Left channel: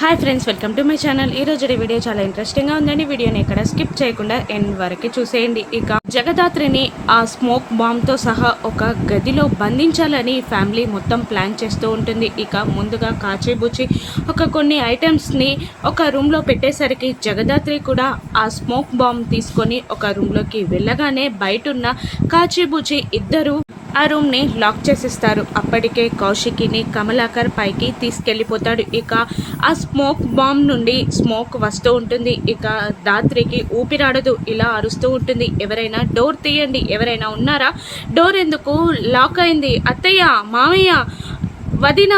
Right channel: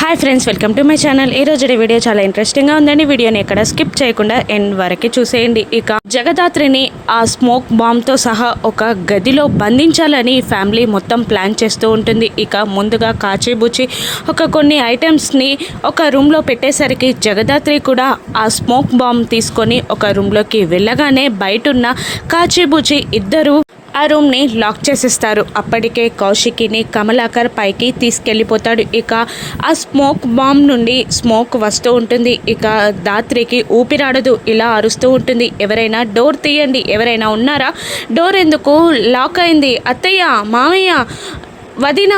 Hi friends, welcome to my channel. ఈ రోజు video చాలా ఇంట్రెస్టింగ్గా ఉందండి. వీడియోని ఎక్కడ స్కిప్ చేయకుండా ఎండ్ వరకు చూసేయండి. ఇక జగదాత్రిని ఆ స్మోక్ బాంబ్తో సహా ఒక గదిలో బంధించాలని ఫ్యామిలీ మొత్తం ప్లాన్ చేస్తూ ఉంటుంది. ఇక ముందుగా కాచిబూచి కొన్ని ఐటమ్స్ని ఒక రూమ్లో పెట్టేసరికి జగదాత్రి కూడా ఆ స్మోక్ బాంబ్ తీసుకొని ఒక రూమ్లోకి వెళ్ళగానే బయటున్న కాచిబూచి ఇద్దరు ఆ రూమ్ని లాక్ చేసేస్తారు. అప్పటికే కౌశికిని కమలాకర్ పైకి తీసుకెళ్ళిపోతాడు. ఇక ఆ స్మోక్ బాంబ్ నుండి స్మోక్ వస్తూ ఉంటుంది. ఇక దాత్రికి ఊపిరాడదు, ఇలా అరుస్తూ ఉంటుంది, ఎవరైనా డోర్ తీయండి, ఎవరైనా ఉన్నారా, డోర్ ఎందుకు లాక్ అయింది, అత్తయ్య, మామయ్య, వదిన,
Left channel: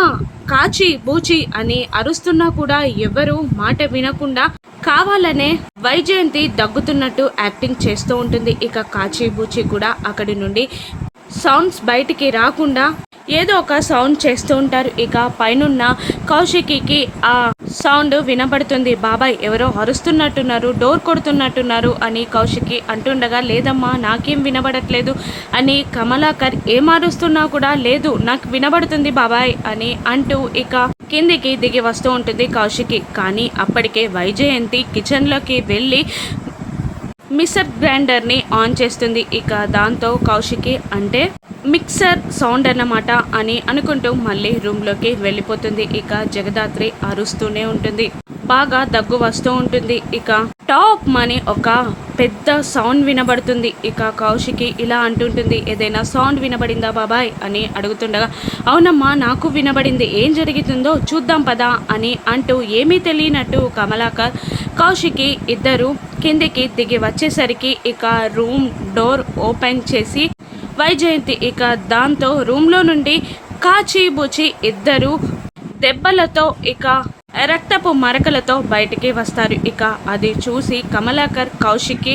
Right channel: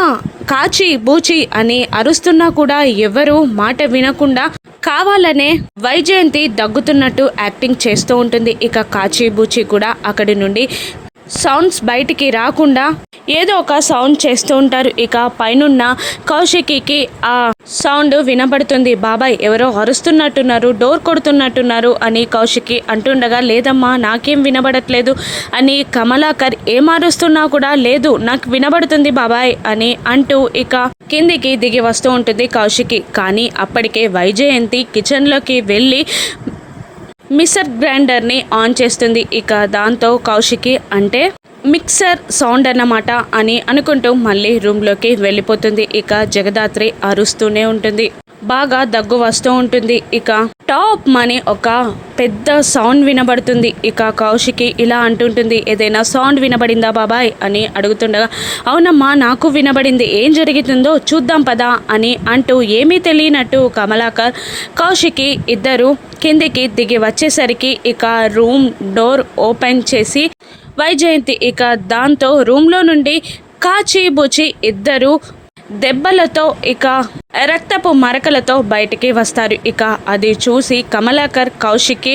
కాచి బూచి అని అరుస్తున్నా కూడా ఎవరు మాట వినకుండా కావాలనే వైజయంతి దగ్గుతున్నట్టు యాక్టింగ్ చేస్తూ ఉంటుంది. ఇక కాచి బూచి కూడా అక్కడి నుండి సౌండ్స్ బయటికి రాకుండా ఏదో ఒక సౌండ్ చేస్తూ ఉంటారు. ఇక పైనున్న కౌశికి ఆ సౌండ్ వినబడుతుంది. బాబాయ్ ఎవరో అరుస్తున్నట్టున్నారు, డోర్ కొడుతున్నట్టున్నారు అని కౌశికి అంటుండగా, లేదమ్మా నాకేం వినబడట్లేదు అని కమలాకర్ ఏం అరుస్తున్నా కూడా లేదు నాకు వినబడుతుంది బాబాయ్ అని అంటూ ఇక కిందికి దిగి వస్తూ ఉంటుంది కౌశికి. కానీ అప్పటికే వైజయంతి కిచెన్లోకి వెళ్ళి మిక్సర్ గ్రైండర్ని ఆన్ చేస్తుంది. ఇక దాంతో కౌశికి అంటే మిక్సర్ సౌండ్ అన్నమాట అని అనుకుంటూ మళ్ళీ రూమ్లోకి వెళ్ళిపోతుంది. ఇక జగదాత్రి అరుస్తూనే ఉంటుంది, బాగా దగ్గు వస్తూ ఉంటుంది. ఇక టాప్ అని ఒక పెద్ద సౌండ్ వినబడుతుంది. ఇక కౌశికి ఇలా అంటుంటుంది, ఏదైనా సౌండ్ వినబడిందా బాబాయ్ అని అడుగుతుండగా, అవునమ్మా నాకు వినబడింది, ఏం జరుగుతుందో చూద్దాం పదా అని అంటూ ఏమీ తెలియనట్టు కమలాకర్ కౌశికి ఇద్దరు కిందికి దిగి వచ్చేసరికి ఇక రూమ్ డోర్ ఓపెన్ చేసి వైజయంతి ఇక దాంతో రూమ్లో నుండి కాచి బుచి ఇద్దరు దెబ్బలతో ఇక రక్తపు మరకలతో బయటికి వస్తారు. ఇక అది చూసి కమలాకర్ కౌశికి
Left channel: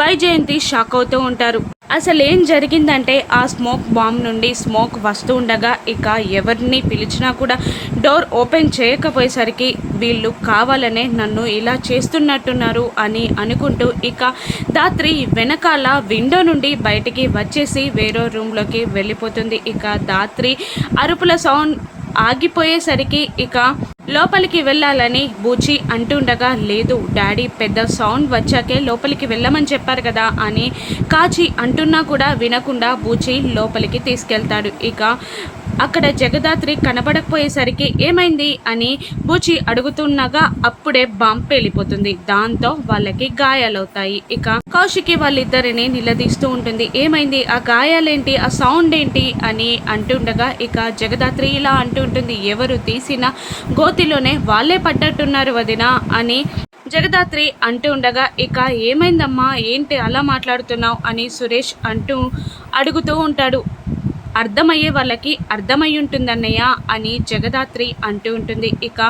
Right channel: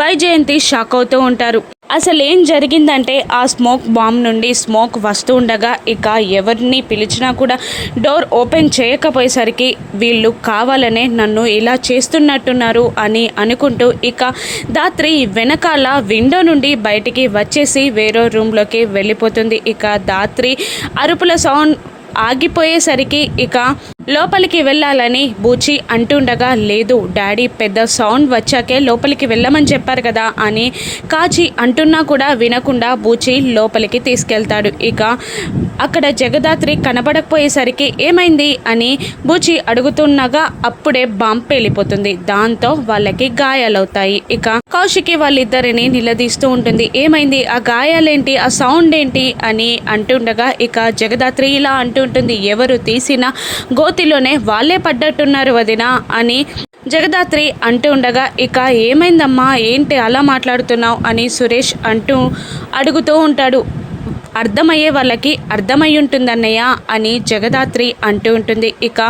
వైజయంతి షాక్ అవుతూ ఉంటారు. అసలు ఏం జరిగిందంటే ఆ స్మోక్ బాంబ్ నుండి స్మోక్ వస్తూ ఉండగా ఇక ఎవరిని పిలిచినా కూడా డోర్ ఓపెన్ చేయకపోయేసరికి వీళ్ళు కావాలనే నన్ను ఇలా చేస్తున్నట్టున్నారు అని అనుకుంటూ ఇక దాత్రి వెనకాల విండో నుండి బయటికి వచ్చేసి వేరే రూమ్లోకి వెళ్ళిపోతుంది. ఇక దాత్రి అరుపుల సౌండ్ ఆగిపోయేసరికి ఇక లోపలికి వెళ్ళాలని బూచి అంటుండగా, లేదు డాడీ పెద్ద సౌండ్ వచ్చాకే లోపలికి వెళ్ళమని చెప్పారు కదా అని కాచి అంటున్నా కూడా వినకుండా బూచి లోపలికి తీసుకెళ్తాడు. ఇక అక్కడ జగదాత్రి కనబడకపోయేసరికి ఏమైంది అని బూచి అడుగుతున్నగా అప్పుడే బాంబ్ పేలిపోతుంది. దాంతో వాళ్ళకి గాయాలవుతాయి. ఇక కౌశికి వాళ్ళిద్దరిని నిలదీస్తూ ఉంటుంది, ఏమైంది, ఆ గాయాలేంటి, ఆ సౌండ్ ఏంటి అని అంటుండగా ఇక జగదాత్రి ఇలా అంటుంటుంది, ఎవరు తీసిన గోతిలోనే వాళ్ళే పడ్డట్టున్నారు వదిన అని జగదాత్రి అంటూ ఉండగా, ఇక ఏమైందమ్మా, ఏంటి అలా మాట్లాడుతున్నావు అని సురేష్ అడుగుతూ ఉంటాడు. అర్థమయ్యే వాళ్ళకి అర్థమై ఉంటుందన్నయ్య అని జగదాత్రి అంటూ ఉంటుంది. ఇక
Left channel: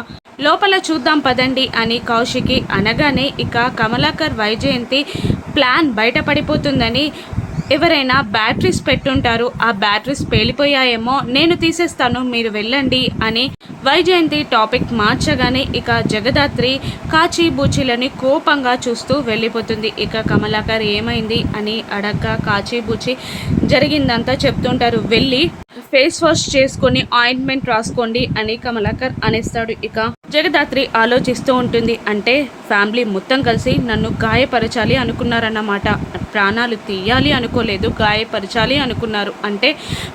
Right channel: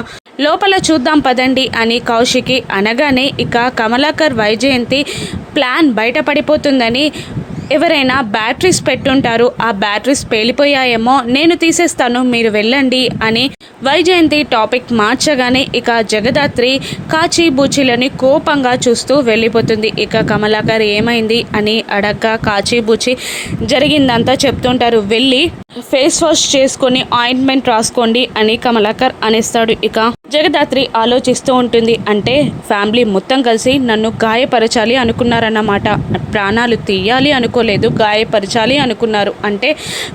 లోపల చూద్దాం పదండి అని కౌశికి అనగానే ఇక కమలాకర్ వైజయంతి ప్లాన్ బయటపడిపోతుందని ఎవరైనా బ్యాటరీస్ పెట్టుంటారు, ఆ బ్యాటరీస్ పేలిపోయాయేమో, నేను తీసేస్తాను మీరు వెళ్ళండి అని వైజయంతి టాపిక్ మార్చగానే ఇక జగదాత్రి కాచి బూచిలని కోపంగా చూస్తూ వెళ్ళిపోతుంది. ఇక కమలాకర్ ఏమైంది అని అడగ్గా కాచి బూచి జరిగిందంతా చెప్తుంటారు. వెళ్ళి ఫేస్ వాష్ చేసుకొని ఆయింట్మెంట్ రాసుకోండి అని కమలాకర్ అనేస్తాడు. ఇక జగదాత్రి ఆలోచిస్తూ ఉంటుంది, అంటే ఫ్యామిలీ మొత్తం కలిసి నన్ను గాయపరచాలి అనుకున్నారన్నమాట, ప్రాణాలు తీయాలి అనుకోలేదు, గాయపరచాలి అనుకున్నారు, అంటే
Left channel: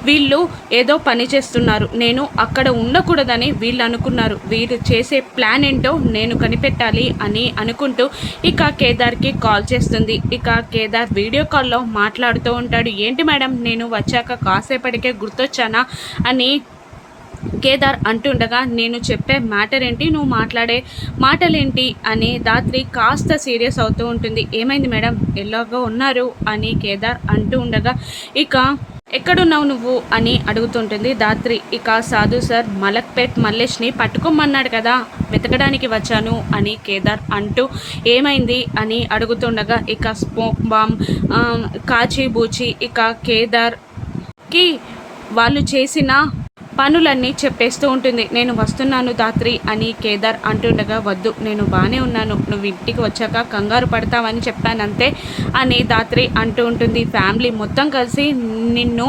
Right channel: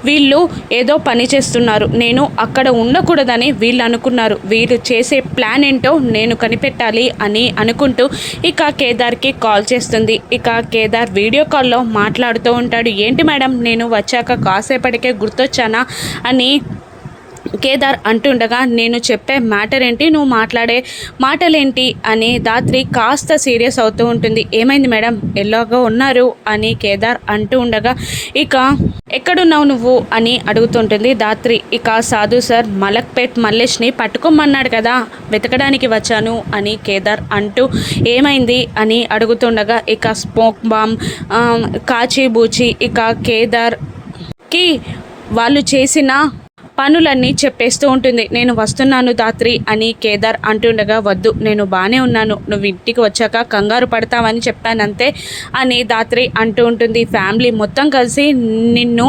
వీళ్ళు ఏదో పని చేస్తున్నారు, నేను అక్కడ ఉండకూడదని వీళ్ళు అనుకున్నారు, వీళ్ళు చేసే ప్లాన్ ఏంటో నేను కనిపెట్టాలి అని అనుకుంటూ ఇక కేదార్కి కాల్ చేస్తుంది. ఇక కేదార్ వీడియో కాల్లో మాట్లాడుతూ ఉంటాడు, ఏంటి మేడం నేను వచ్చాక కాసేపటికే గుర్తొచ్చానా అని కేదార్ అంటుండగా, నేను చెప్పే మ్యాటర్ ఏంటి, నువ్వు మాట్లాడే మాటలేంటి అని దాత్రి కాస్త సీరియస్ అవుతూ ఉంటుంది. ఏమైంది మేడం, ఎలాగో ఉన్నారు అని కేదార్ అంటూ ఉండగా, ఇక ఎక్కడున్నావు నువ్వు అని అడుగుతుంటుంది దాత్రి. ఇక సాధు సార్ మలక్పేట్ మల్లేష్ని పట్టుకోమన్నాడు కదా, వెతకడానికి వచ్చాను అని కేదార్ అంటూ ఏమైంది అని అడుగుతుండగా ఇక స్మోక్ బాంబ్ కాచి బూచి ఇక కేదార్కి వాళ్ళు చేసిన పనులన్నీ చెప్పేస్తూ ఉంటుంది. నేను వస్తున్నాను ధాత్రి అని కేదార్ అంటుండగా, వద్దు నేను బాగానే ఉన్నాను, నువ్వు ఇంటికి వచ్చాక కంగారు పడతావని చెప్పానంతే అని ధాత్రి అంటూ ఉంటుంది. ఫ్యామిలీ మొత్తం కలిసి నిన్ను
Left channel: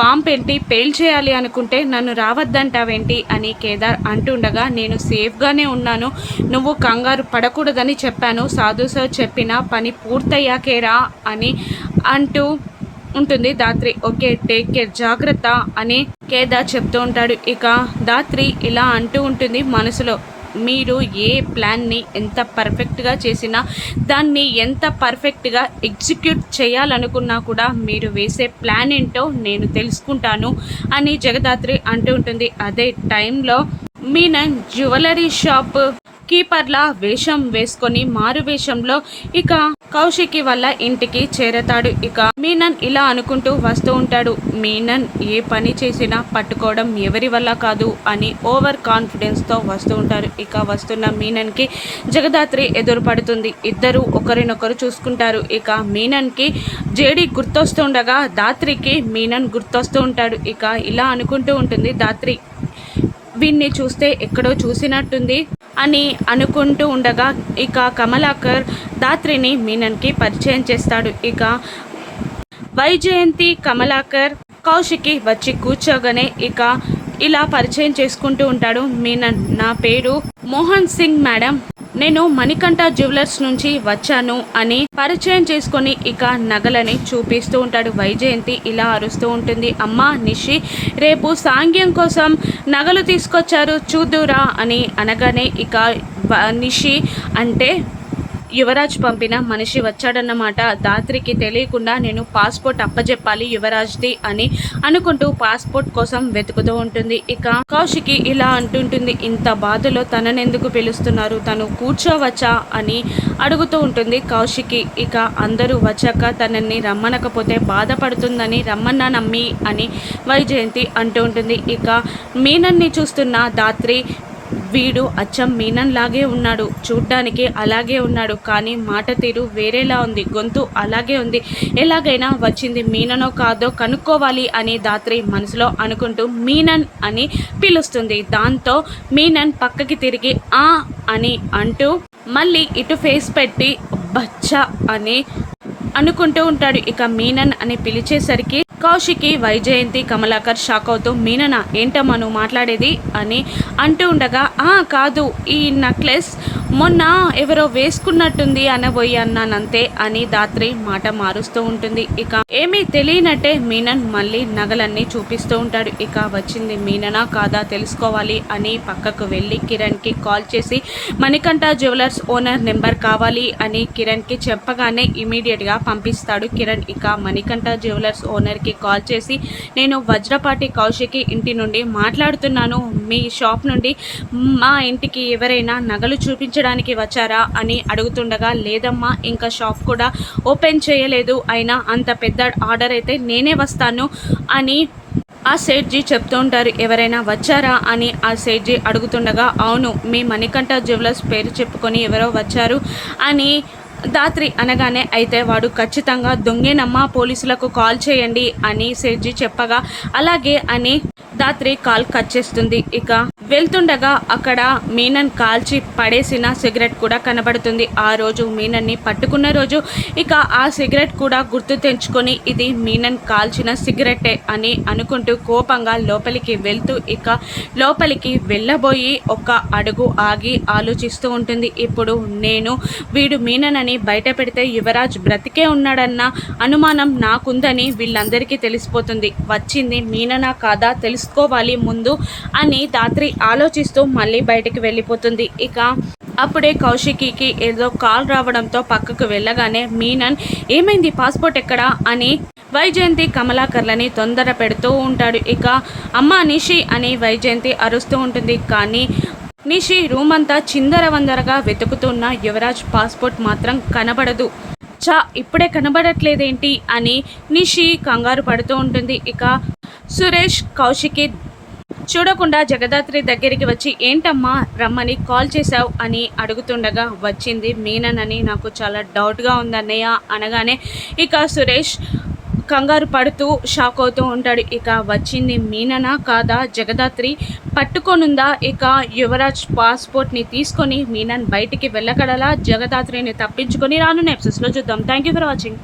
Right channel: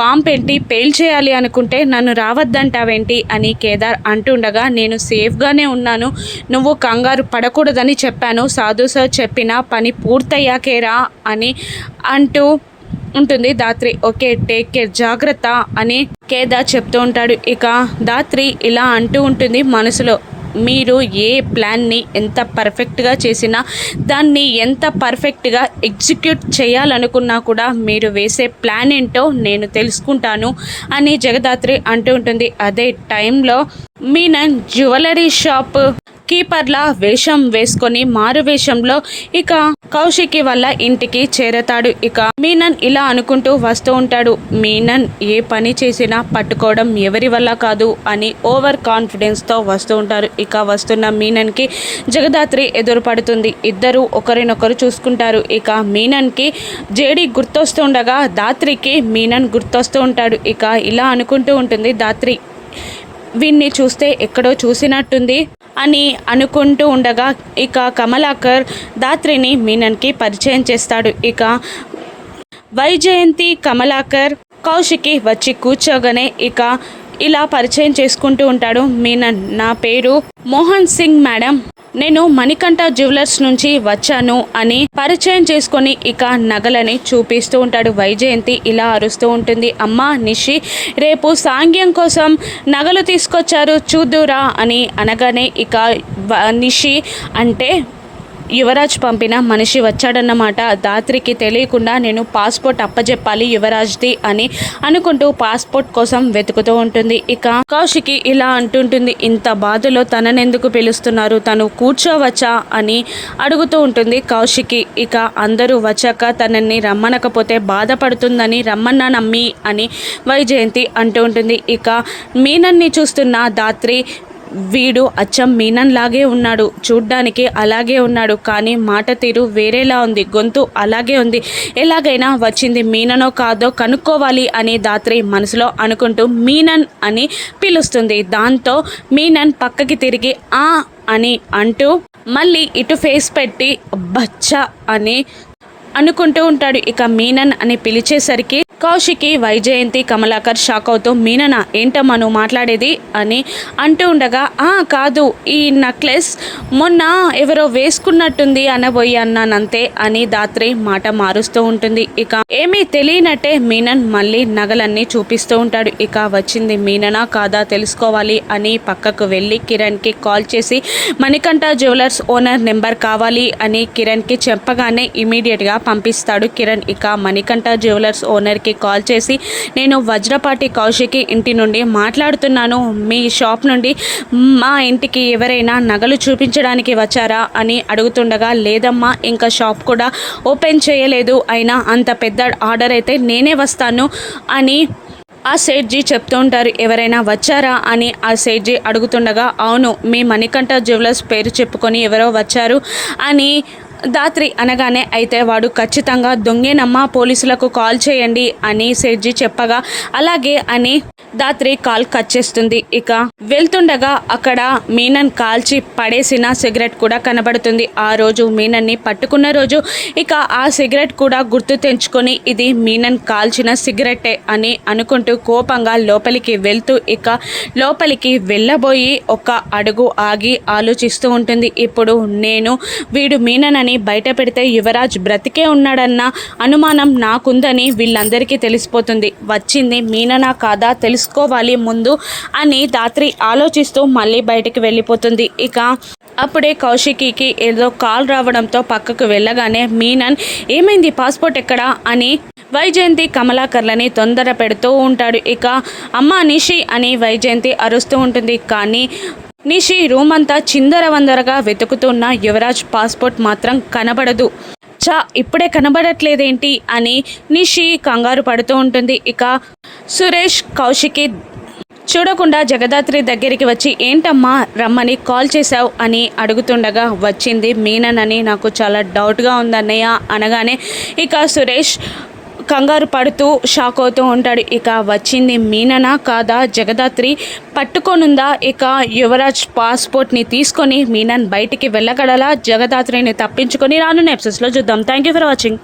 బాంబ్ పెట్టి పేల్చేయాలి అనుకుంటే నన్ను రావద్దంటావేంటి అని కేదార్ అంటుండగా, నేను సేఫ్గానే ఉన్నాను, నువ్వు కంగారు పడకూడదని చెప్పాను, సాధు సార్ చెప్పిన పని పూర్తయ్యాకేరా అని అంటూ ఉంటుంది ధాత్రి. ఓకే టేక్ కేర్, జాగ్రత్త అని కేదార్ చెప్తూ ఉంటాడు. ఇక ధాత్రి ఇలా అంటూ ఉంటుంది మనసులో, మీరు ఏ ప్లాన్ని ఎంత పర్ఫెక్ట్గా చేసినా, దాన్ని ఎంత పర్ఫెక్ట్గా ఎగ్జిక్యూట్ చేయాలనుకున్నా కూడా మీరు వేసే ప్లాన్ ఏంటో నేను తెలుసుకుంటాను అని జగదాత్రి అంటూ ఉంటుంది. అదే టైంలో మీనన్ జ్యువెలరీ షాప్ కీపర్లా వేషం వేసుకొని మారు వేషంలో ఇక కౌశికి వాళ్ళ ఇంటికి చేరతాడు. ఇక మీనన్ ఇలా అనుకుంటూ వస్తూ ఉంటాడు. మీనన్ ఏ పని చేసినా పట్టుకోవడం ఎవరి వల్ల కాదు అని ఓవర్ కాన్ఫిడెన్స్తో వస్తూ ఉంటారు. ఇక వస్తున్న మీనన్కి జగదాత్రి ఎదురుపడుతుంది. ఇద్దరు ఒకరినొకరు చూసుకుంటారు. ఇక మీనన్కి జేడి గుర్తొస్తుండగా ధాత్రికి మీనన్ గుర్తొస్తూ ఉంటాడు. ఇక ఇలా అనుకుంటూ ఉంటుంది ధాత్రి, వీన్ని చూస్తే ఎక్కడో చూసినట్టుంది అని అనుకుంటూ ఉండగా ఇక కమలాకర్ ధాత్రిని మీనన్కి పరిచయం చేస్తాడు. ఇక వైజయంతి కమలాకర్ కౌశికి వచ్చి కూర్చోగానే ఇక ఇలా పరిచయం చేసుకుంటూ ఉంటాడు. మీనన్, నా పేరు మోహన్ సింగ్ మేడం, నేను మణికంఠ జ్యువెలర్స్ నుంచి వచ్చాను అని పరిచయం చేసుకొని ఇక నగలని చూపిస్తూ ఉంటాడు. వైజయంతి ఇలా అరుస్తూ ఉంటుంది. అమ్మా నిషి, రేపు సాంగ్యం కోసం నగలు తీసుకొచ్చారు చూద్దురా అని అనగానే ఇక నిషి అంటే యువరాజ్ పంపిన మనిషి వచ్చాడన్నమాట. ధాత్రికి తెలియకుండా నేను పాస్పోర్ట్ అప్పజెప్పాలి యువరాజ్ది అని అనుకుంటూ పాస్పోర్ట్ కోసం వెతుకుతూ ఉంటుంది. ఇక కౌశికి ఇలా అంటుంటుంది, ఇంత బాధలో తననెందుకు పిలుస్తున్నారు, తను కూర్చోవచ్చా అని అడుగుతూ ఉంటుంది కౌశికి. ఇక అందరూ వచ్చాక తనని రమ్మనకపోతే బాధపడుతుందని రమ్మన్నానమ్మి అని వైజయంతి అంటూ ఉంటుంది. ఇక మీనన్ని చూస్తున్న ధాత్రి, వీడు అచ్చం మీనన్ లాగే ఉన్నాడు, చూడ్డానికి అలాగే ఉన్నాడు, కానీ మాట తీరు వేరేలా ఉంది, గొంతు అలాగే ఉంది, ఎలాగైనా వచ్చింది మీననో కాదో కనుక్కోవాలి అని ధాత్రి మనసులో అనుకుంటూ మీనన్ అని పిలుస్తుంది. దాంతో మీనన్ పక్కకి తిరిగి ఆ అని అంటూ మళ్ళీ ఇటు ఫేస్ పెట్టి బచ్చా అని అనుకుంటూ ఉంటాడు. ఇక మీనన్ అని పిలిచేసరికి కౌశికి వైజయంతి కమలాకర్ షాక్ అవుతూ, మీననా ఏంటమ్మా నువ్వు మాట్లాడేది అని అంటూ ఉండగా, కాదు ఈ నెక్లెస్ మొన్న ఎవరో వేసుకున్నట్టుంది అనబోయి అన్నానంతే అని ధాత్రి మాట మారుస్తూ ఉంటుంది. ఇక ఏమీ తెలియనట్టే మీనన్ మళ్ళీ నగలన్నీ చూపిస్తూ ఉంటాడు. ఇక వచ్చింది మీననా కాదా తెలుసుకోవాలి అని పక్కకు వెళ్ళి కిరణ్కి కాల్ చేసి మణికంఠ జ్యువెలర్స్ ఓనర్ నెంబర్ కావాలి అని కిరణ్కి చెప్పగానే ఇమీడియట్గా పంపిస్తాడు కిరణ్. ఇక మణికంఠ జ్యువెలర్స్ ఓనర్కి కాల్ చేసి, నేను వజ్రపాటి కౌశికి ఇంటి నుండి మాట్లాడుతున్నాను, మీ షాప్ నుండి మా ఇంటికి ఎవరైనా నగలు చూపించడానికి వచ్చారా అని అడుగుతుండగా, లేదమ్మా ఇంకా షాప్ కూడా ఓపెన్ చేయలేదు, అయినా అంత పెద్ద ఆర్డర్ అయితే నేనే వస్తాను అని ఆ సేట్జీ చెప్తూ ఉంటారు. ఎవరైనా వచ్చారా అని ఆ సేట్జీ అడుగుతుండగా, అవును మీ మణికంఠ జ్యువెలర్స్ పేరు చెప్పుకొని ఎవరో వచ్చారు అని ధాత్రి అనగానే, అయితే వాడు ఖచ్చితంగా దొంగేనమ్మా, పోలీసులకు కాల్ చేయండి అని సేట్జీ చెప్పగా అలాగే అని ధాత్రి కాల్ కట్ చేస్తుంది. ఇక వెళ్తుండగా అక్కడ మీనన్ కాల్చి పడేసిన సిగరెట్ కూడా కనబడుతుంది. ఆ రోజు మీనన్ని పట్టుకున్న రోజు. ఇక ఆ సిగరెట్ కూడా గుర్తు తెంచుకొని ఇది మీనన్ కాల్చిన సిగరెటే అని అనుకుంటూ కోపంగా లోపలికి వెళ్తూ ఇక లోపలికి వెళ్ళబోయి ఒక అడుగు ఆగి ఆలోచిస్తూ ఉంటుంది. ఇప్పుడు నేను వీడు మీనన్ అని బయట పెడితే యువరాజ్ బ్రతికే ఉన్నాడన్న అనుమానం నాకుందని వీళ్ళందరికీ తెలిసిపోతుంది, వచ్చింది మీననా కాదా తెలుసుకోవాలి ముందు అని ధాత్రి ఆలోచిస్తూ మళ్ళీ బయటికి వెళ్ళిపోతుంది. ఇక అప్పుడే కౌశికి ఏదో కాల్ రావడంతో పక్కకు వెళ్ళగానే మీనన్, ఏమైంది పాస్పోర్ట్ ఎక్కడా అని వైజయంతి కమలాకర్లని తొందర పెడుతూ ఉంటాడు. ఇక అమ్మా నిషి అని వైజయంతి అరుస్తూ ఉంటుంది. కానీ నిషి రూమ్ అంతా చిందరవందరగా వెతుకుతున్న యువరాజ్ పాస్పోర్ట్ మాత్రం కనబడదు. ఇప్పుడే కనబడట్లేదేంటి అని నిషి కంగారు పడుతూ ఉంటుంది. ఇక సురేష్ కౌశికి చూడకుండా జగదాత్రి దగ్గరికి వచ్చి, ఏంటమ్మా రమ్మని కాల్ చేశావు అని అడుగుతుండగా, వచ్చింది మీనన్ అని నాకు చాలా డౌట్గా ఉందన్నయ్య అనగానే ఇక సురేష్ కంగారు పడుతూ షాక్ అవుతూ ఉంటాడు. ఇక వచ్చింది మీననా కాదా, జగదాత్రి పట్టుకొనుందా, ఇక యువరాజ్ పాస్పోర్ట్ని తీసుకొని మీనన్ బయటికి వెళ్ళగలలా, జగదాత్రిని తప్పించుకొని రానున్న ఎపిసోడ్స్లో చూద్దాం. Thank you for watching.